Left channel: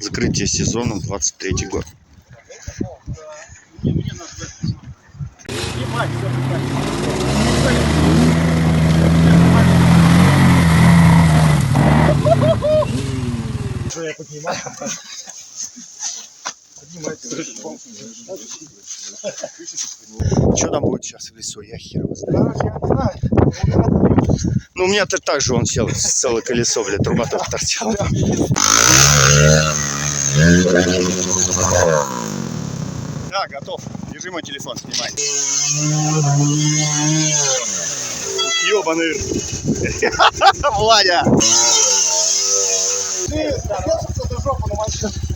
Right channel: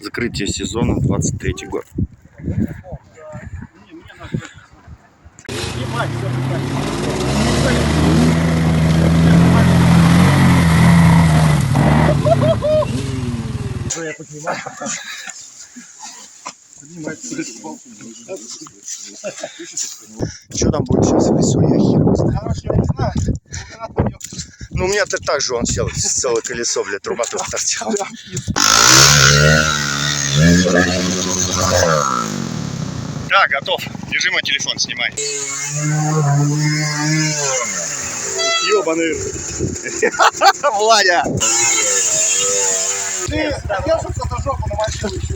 Закрытие сезона 23 год. Что там будет сейчас в лесу, я хер его знаю. Короче, я не знаю. Ну, у меня-то так же он сел, целое колесо, блядь, труба тоже торчала. Да, готов. Держи мой телефон, снимай. Ёбаный. Владя. Ты держишься до жопы на машину еще.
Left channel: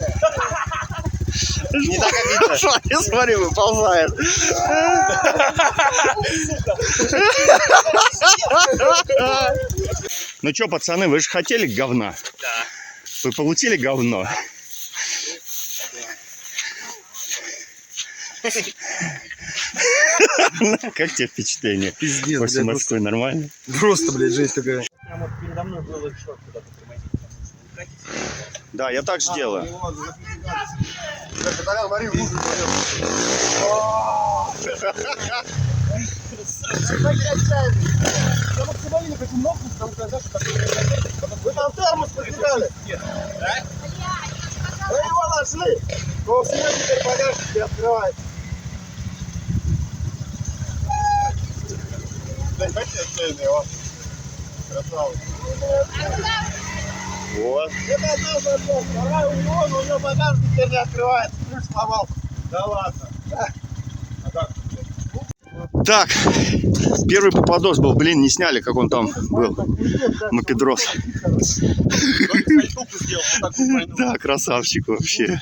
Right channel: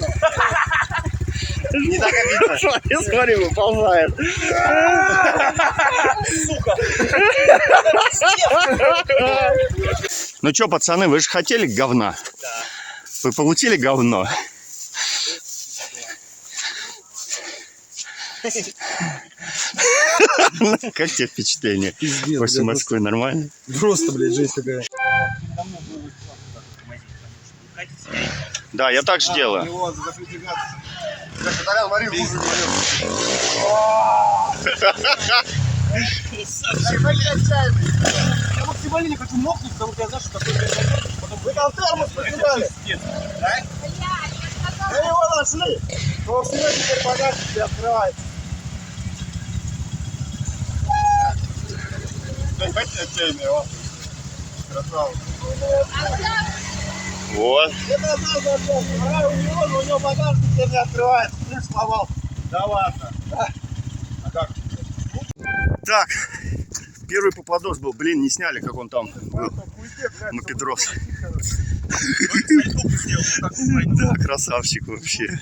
Я смотри, выползает. Ну что, пацаны, вы же хотели говна? Да. Вы получили говно? Как тебе впечатление? Пиздец, После Москвы нормально? Просто, блядь, жесть такая. Передо мной было еще куда-то тормозить, потому что катится. Да, я так же делаю. Я максимально не хочу мокнуть, потому что я знаю, что такое произойдет. Вы там термос потеряли? Да? Да его нашли! Но у всего теперь багажник не открывается. Дайте отчаянный его. Красавец. Вот. Это одна задача. Вторая у него, но у него багажник теперь не открывается. Ключ сломал. Да ладно. Да. А как? Так, первый попадос был, блин, не сняли, как он там был, мопедрос. Да, красавчик вообще.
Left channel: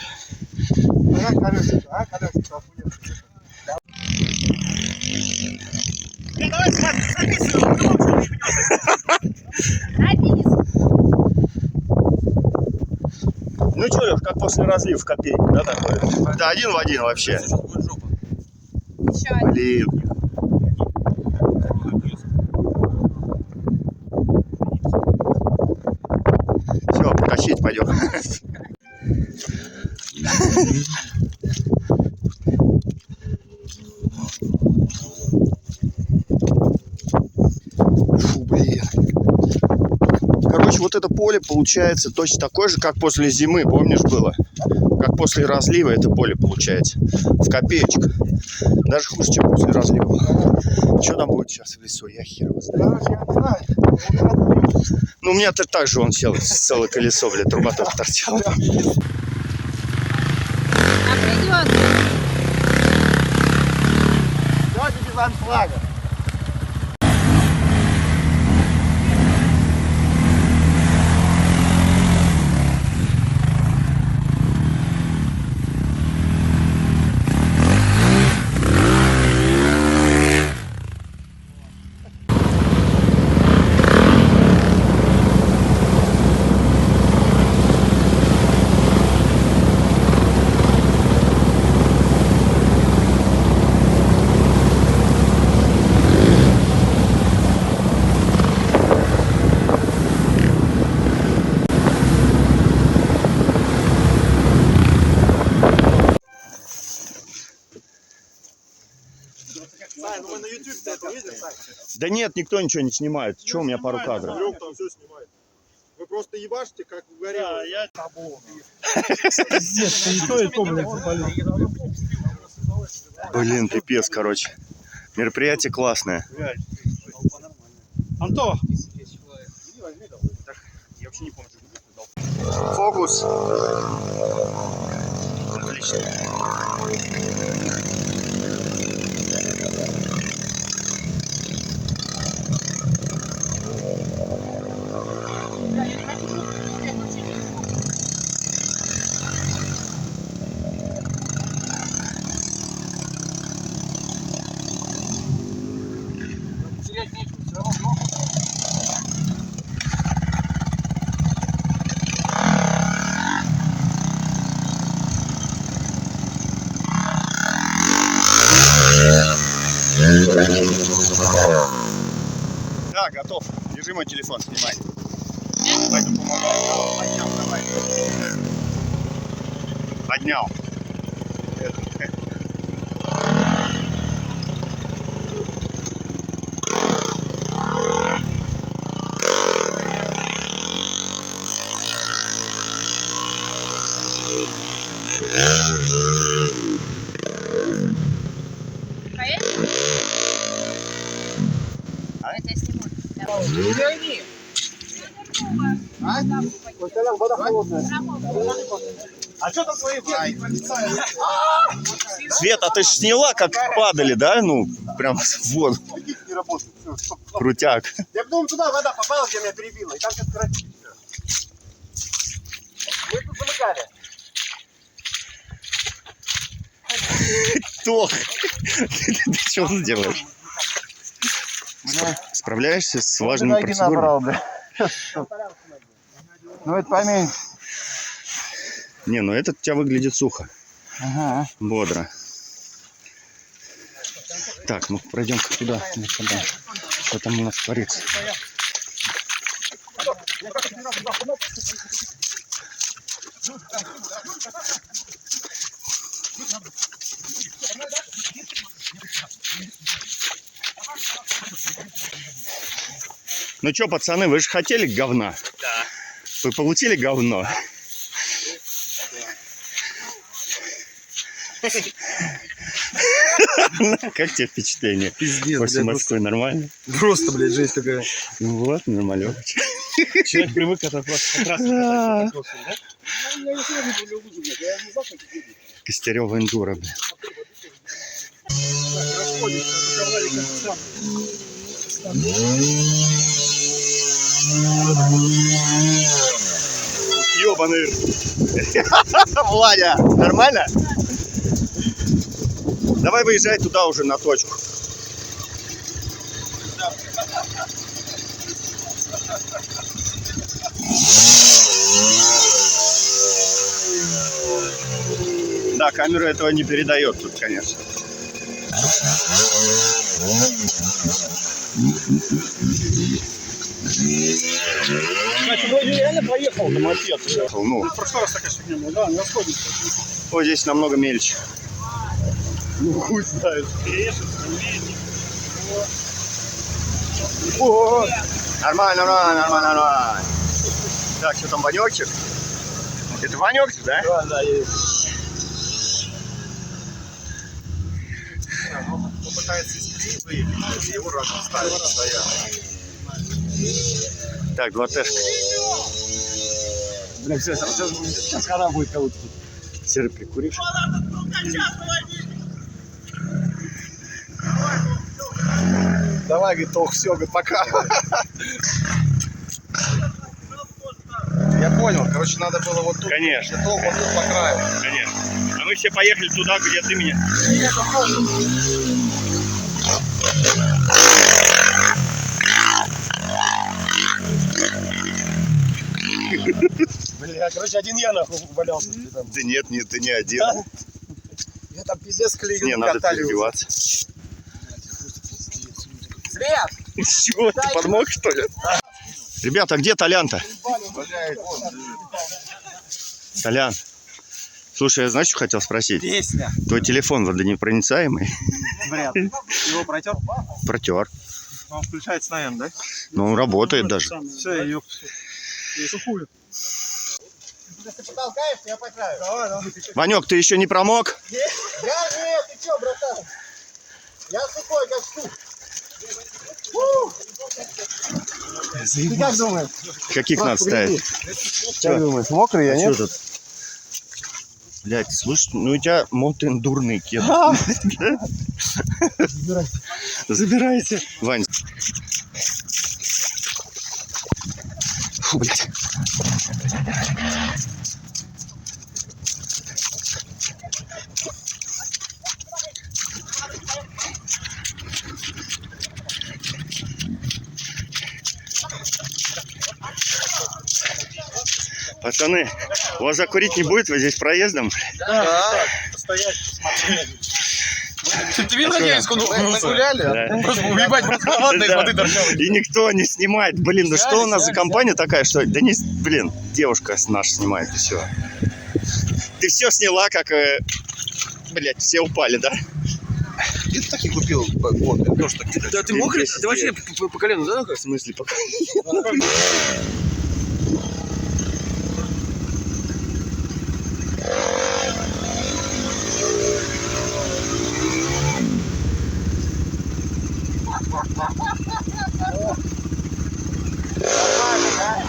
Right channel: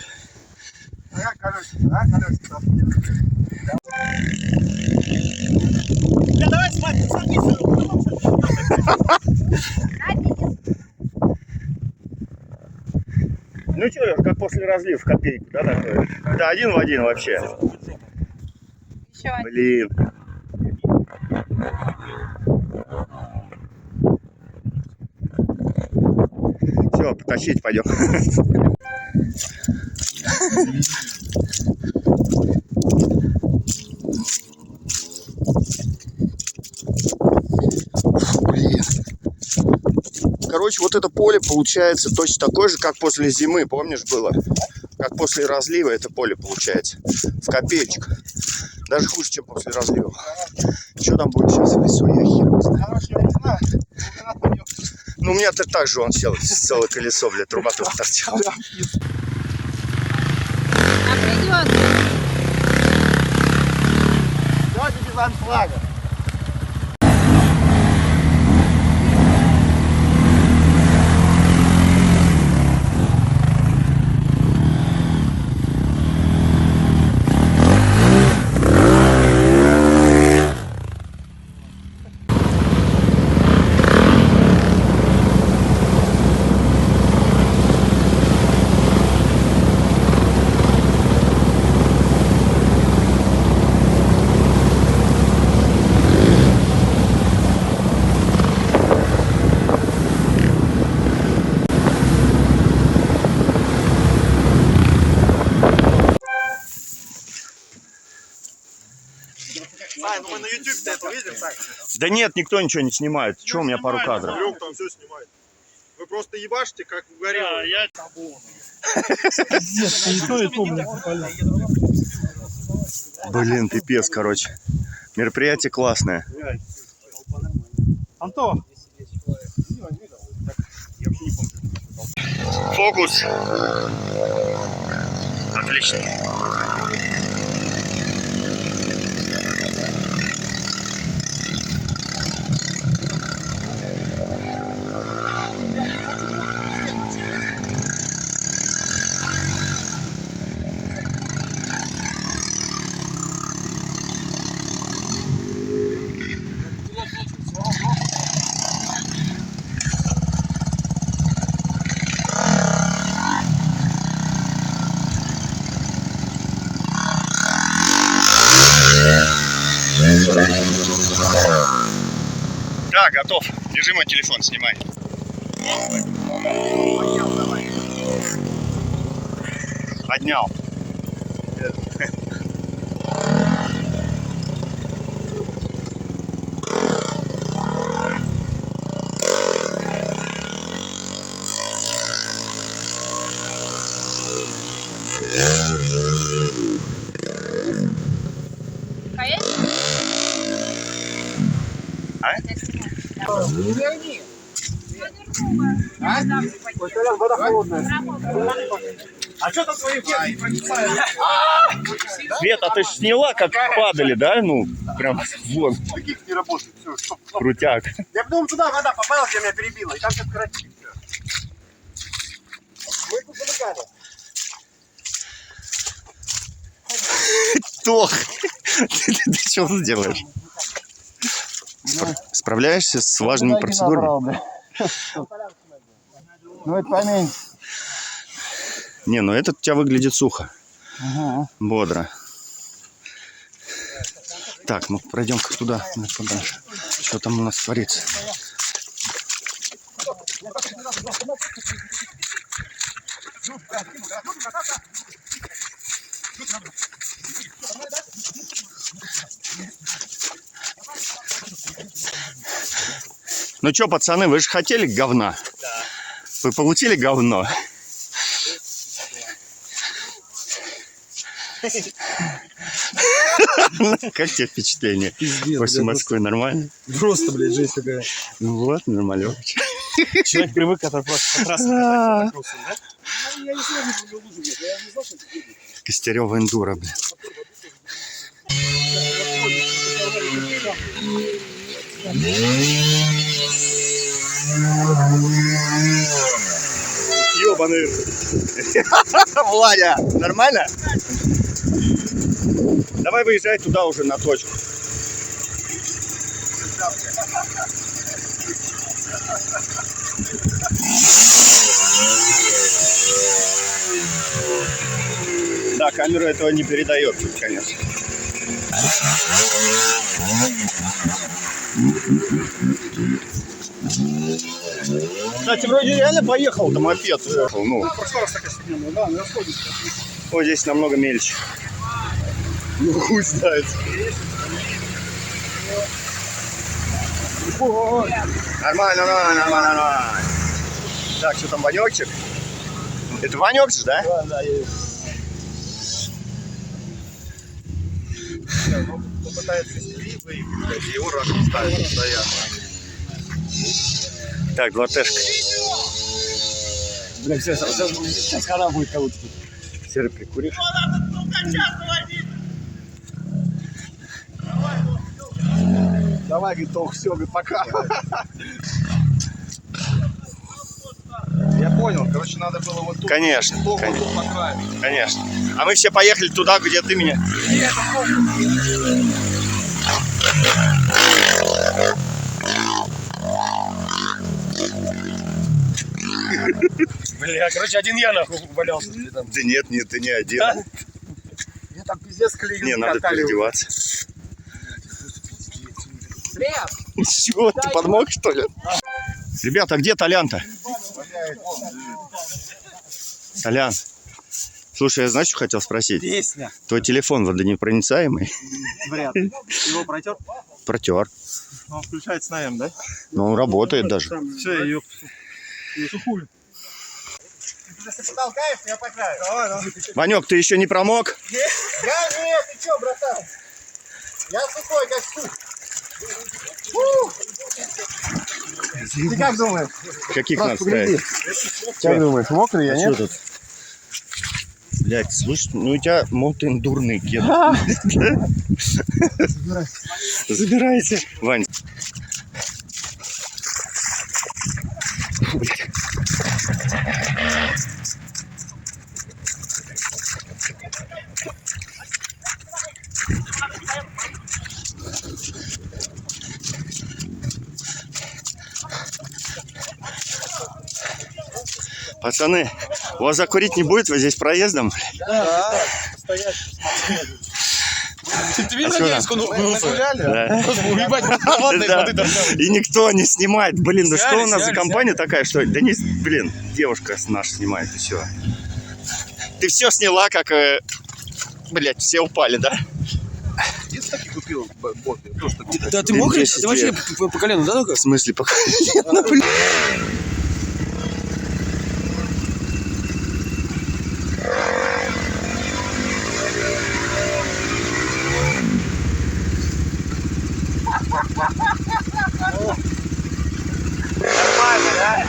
Ну что, Лёш, как после разлива в копейку, да, такое? Да, один в один вообще. Блин. Все, потащить пойдем. Блин. Короче, вот это поле получается точно такое же, как после зимы, помнишь, было? Как после разлива это поле получается. В копеечку. Даже хуже, чем после разлива. Что там будет сейчас в лесу, я хер его знаю. Короче, я не знаю. Ну, у меня-то так же он сел, целое колесо, блядь, труба тоже торчала. Давайте без аншлага. Сань, ну мы на YouTube-то это видим, Сань? Да нет, никто ничего не снимает. Че, у меня пару кадров. Лёг там все снимает. Вы просто ебашите, как угорело. Я Блин, пипец, короче. Мероприятие классное. Антон! Фокус. Отлично. Да, готов. Держи мой телефон, снимай. Поднял. Вода холодная. А что там твои ветки не проницают? Света, ты ж сняла, как падали, да? Ну, прям вот, Каких не работает? Все, стоп. крутяк. Я потом туда вода попала, где меня перебила, и там все коротит. Мы тут замыкали. Тох, ты что делаешь? Справляешься с важными процедурами? Ну это поменьше. Не, ну этот у тебя выглядит сухо, Ага. бодро. Так, ну пройдем-ка туда, подальше. Что там у нас творится? Ну что, пацаны, вы же хотели говна? Да. Вы получили говно? Как тебе впечатление? Пиздец, После Москвы нормально? Просто, блядь, жизнь какая. Ну вот, нормально. Человек привык от трассы. Я не знаю, что лужу, блядь. Я не знал, как это будет. Костерёва эндуро, блин. Ёбаный. Владя, нормально? Давай выезжай туда уже на точку. Да, камера этого не передает тут, конечно. Кстати, вроде реально поехал на мопед. Ну, В прошлый раз такая фигня была, да, не расходится. вот здесь намного мельче. Ну, хуй знает. О, Нормально, нормально, нормально, нормально. Так, что там, Ванёкчик? Это Ванёк же, да? да, да, есть. Попытается из колеи выехать, и его расставить стоят. Так, 2Т-шка. Бля, сейчас хана будет кого-то. Серый, прикуришь? Давай, говорит, ох, все, говорит, пока. Я понял, короче, надо было вот тут. Конечно, Тут по краю. конечно. А мы все поехали туда, где ты меня. Бля, короче, один я нахуй валялся. Да нет, нет, ты не один. Да? Я там пиздец клеил. Не, надо катали. переодеваться. След! Чего, ты подмог, что ли? Ребята, а где Толян-то? Толян, слушай, я знаешь, что хотел спросить? Песня. Твой телефон водонепроницаемый? Вряд ли. Его протер? Протер. Он включается на М, да? Но он работает даже. Все, я ее сухую. Если потолкаешь, я по краю. Давай, давай. Ванек, ты еще не промок? Я нет, ты что, братан? Я сухой, как сух. Ты как думаешь? Каких надо ставить? Как думаешь, мокрый я, А нет? что тут? Блять, слушай, ну у тебя мотоэндурный кед. Забирайте. Вань. Фу, блядь. Пацаны, у вас закурить не будет? Вы здесь проездом? Да. Постоять, посмотреть. Ты видел, как я из конуха Нагуляли? Да. Просто уебать, воды Да. торчали. И никто не снимает. Блин, да Сняли, что у нас за сняли, компания такая, что... Да не, блин, девушка наша снимает, и все. Ты все сняла, как... Блять, все упали, да? Ты таки купил тоже такие. Да ты мокрый? 10 Ты вообще лет. по колену, да, только? В смысле, пока... Нормально, да?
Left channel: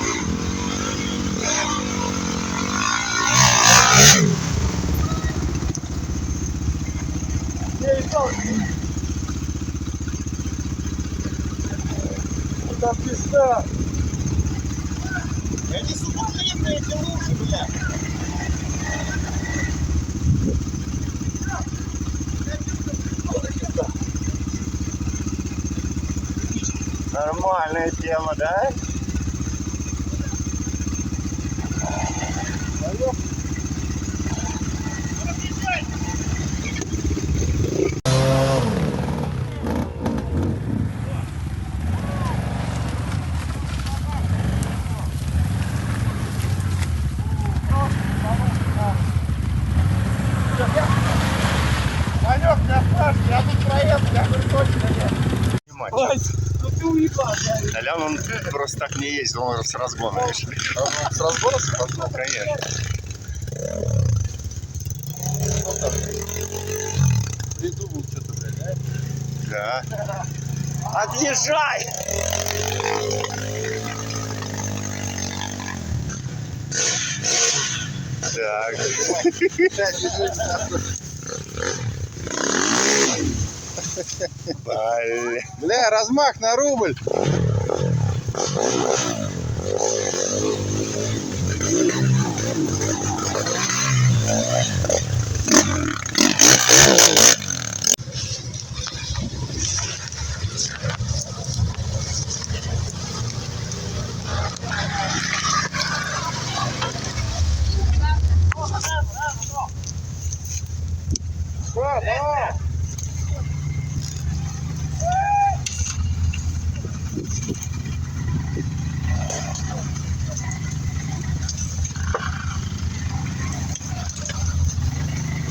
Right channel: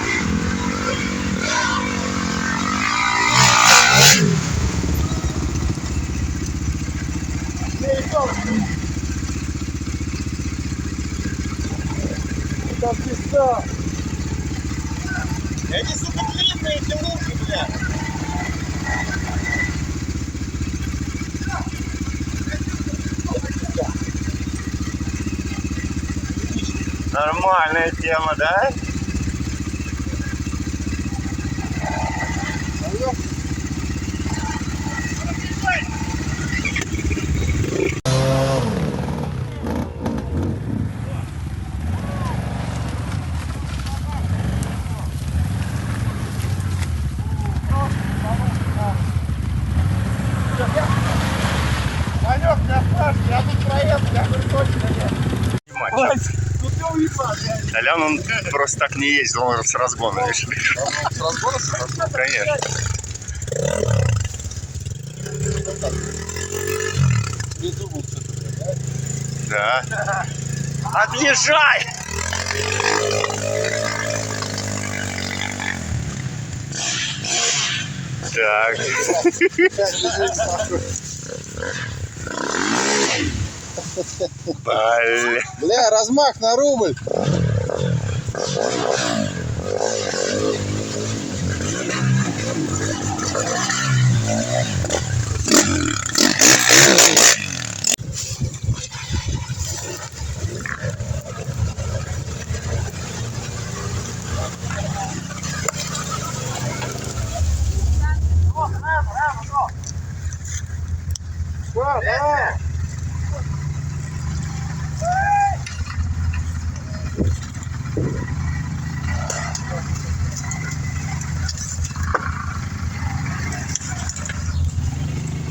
Там пизда. Эти, сука, длинные, эти лужи, бля. Нормальная тема, да? Ванек, меня спрашивают, я тут проеду, я говорю, точно нет. Вась, Ну ты уебал, я Толян, он просто так не ездил, он с разгона, видишь? с разбора сразу. Конечно. Придумался, блядь, да? Да. Отъезжай! Так. Бля. Бля, размах на рубль.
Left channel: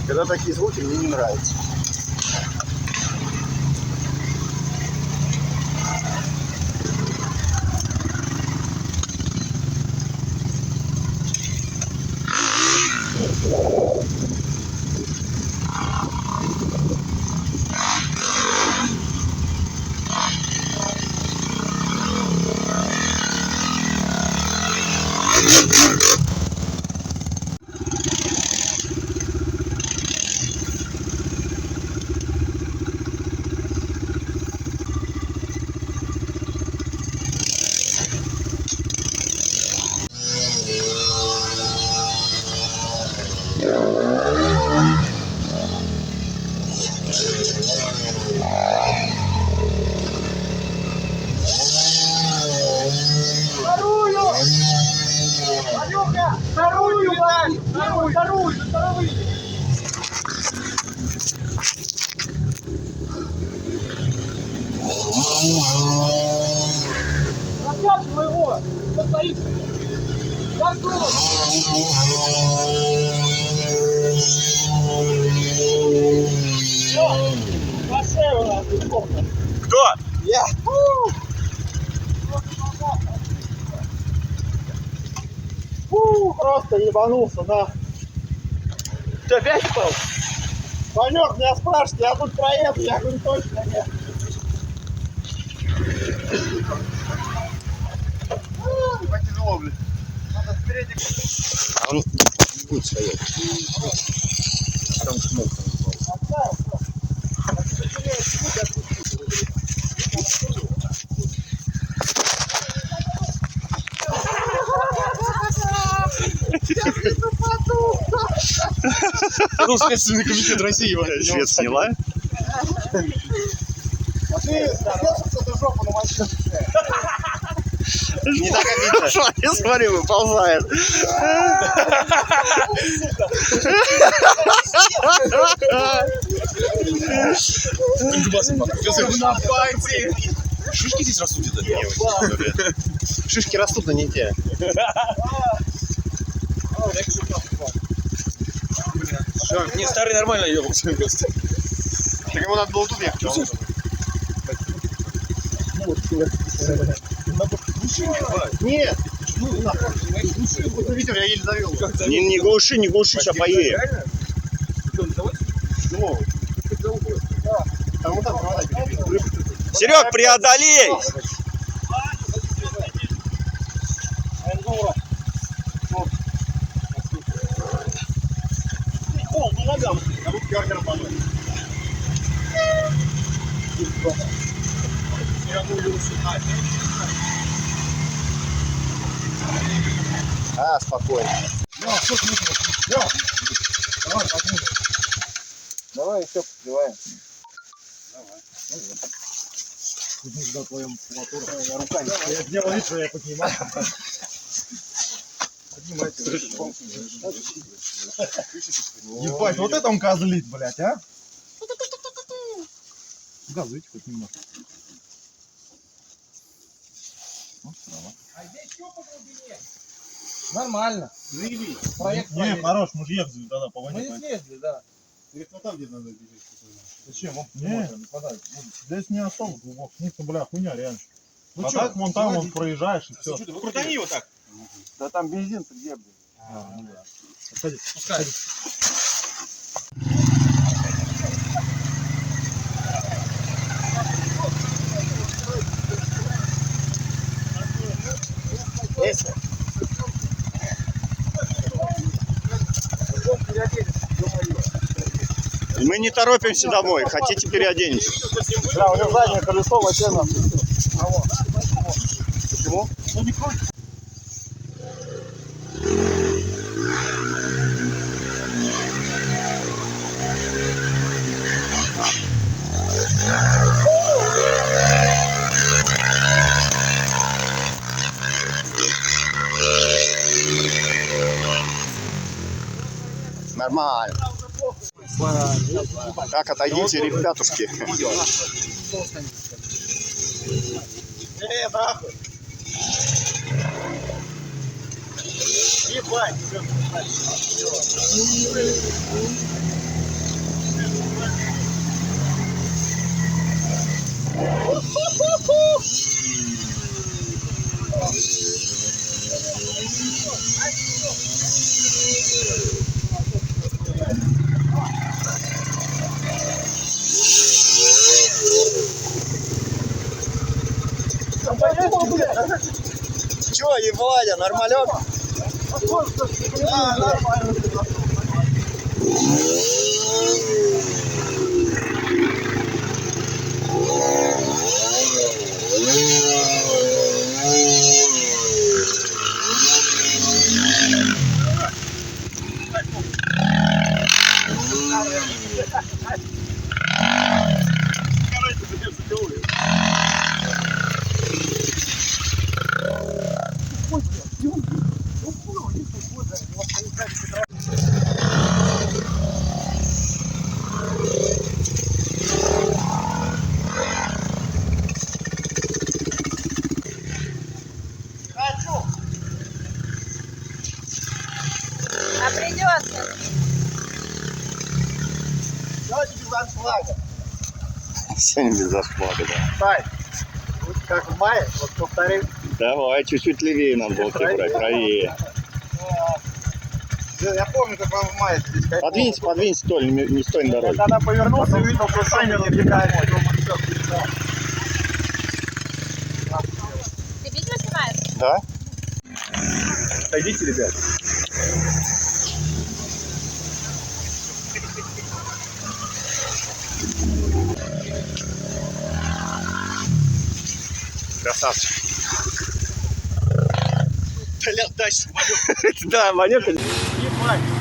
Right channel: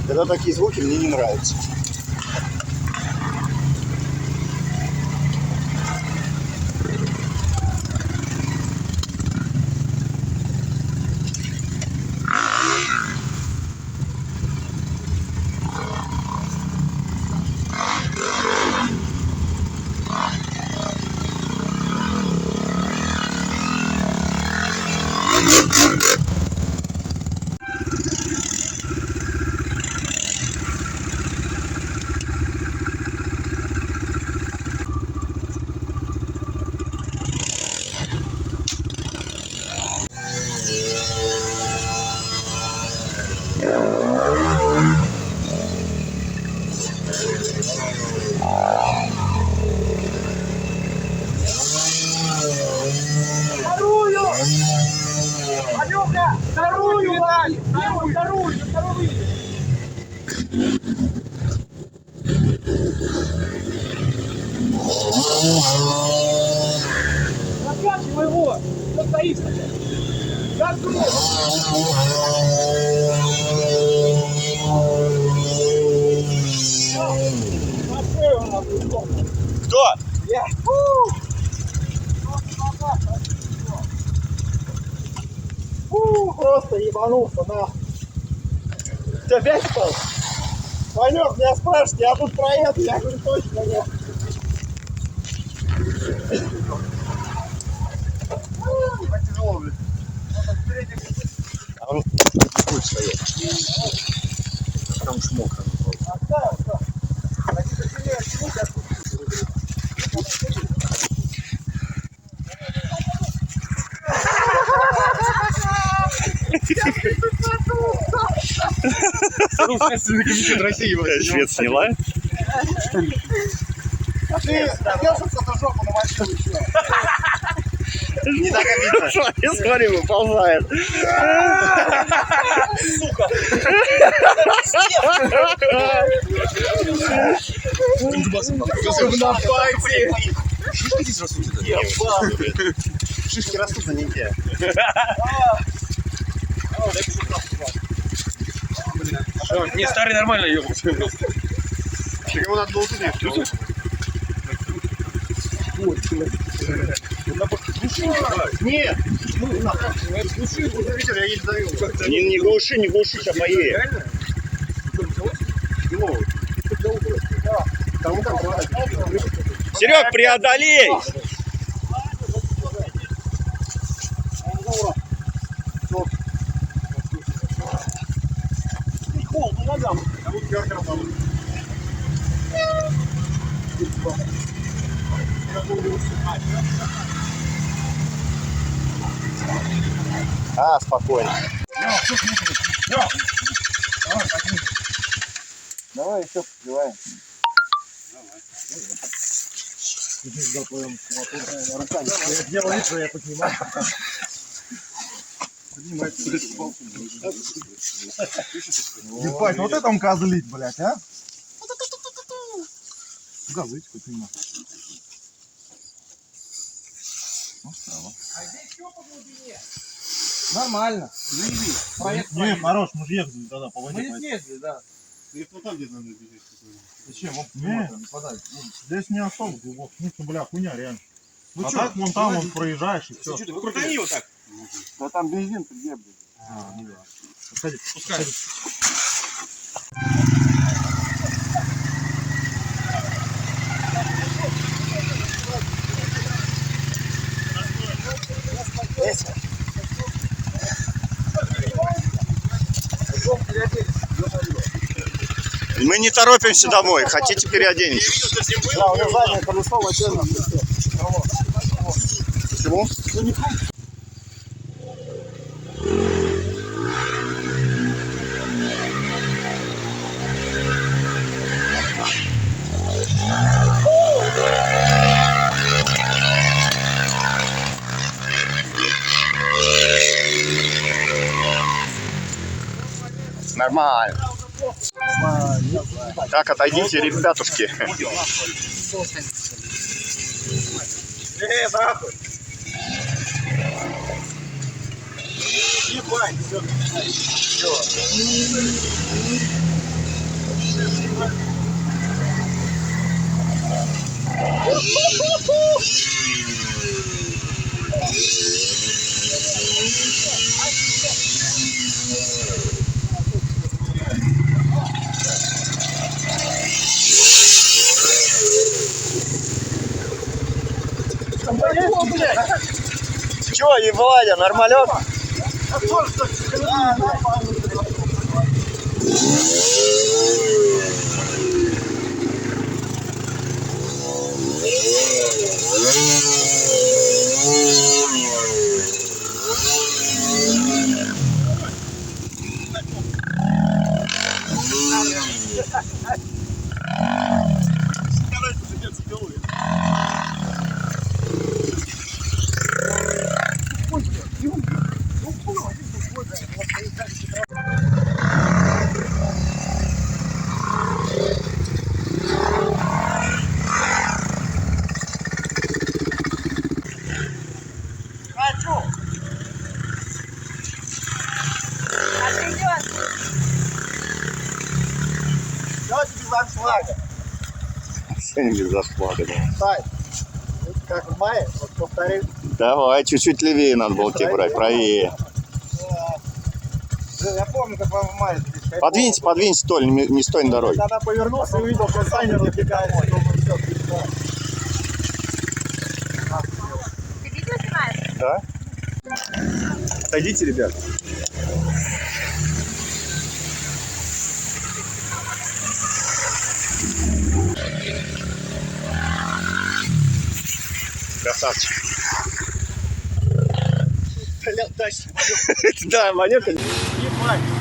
Когда такие звуки, мне не нравятся. Раскачивай его! Кто стоит? Как Кто? Я! Просто ебанулся, да. Ты опять упал? Ванек, меня спрашивают, я тут проеду, я говорю, точно нет. Потянуло, блин. Надо впереди. Он не будет стоять. Там уж мокро. Следственный комитет России. Швед сняла? А ты держишься за жопу на машину еще. Смотри, смотри, выползает. Шишки здесь растут, Шишки растут на ните. Не, старый нормально ебался просто. Так ему надо было туда ехать. Нет! Ветер, я еле завел. Не глуши, не глуши, сейчас поедем. Серег, преодолей! А, спокойно. Давай еще подливаем. Руками. Я делал вид, что я поднимаю. Ебать, вот это он козлит, блядь, а? Газуйте хоть немного. Нормально. Не, хорош, мы же ехали тогда по воде. Мы съездили, да. Там где надо бежать. Зачем? Не, здесь не особо глубоко. Ну, что, бля, хуйня, реально. Ну, а так, вон там, вон проезжаешь и все. Крутани его так. Да там бензин где, блядь. Сходи, Пускай. Мы не торопимся домой. Хотите, переоденетесь? Да, у него заднее колесо вообще на. Почему? Ну, не хочешь. Нормально. Так, отойдите, ребятушки. Нахуй. Ебать, Чё, Евладя, нормалек? нормально. Давайте без аншлага. Сегодня без зашплага, да. Стай. Вот как в мае, вот повторим. Давай, чуть-чуть левее надо было тебе брать, правее. Я помню, как в мае здесь. Подвиньте, Толь, не стой на дороге. Когда повернулся и увидел, что Саня разбегается. Ты видео снимаешь? Да? Отойдите, ребят. Красавчик. Бля, дальше. Да, манёк. Ебать.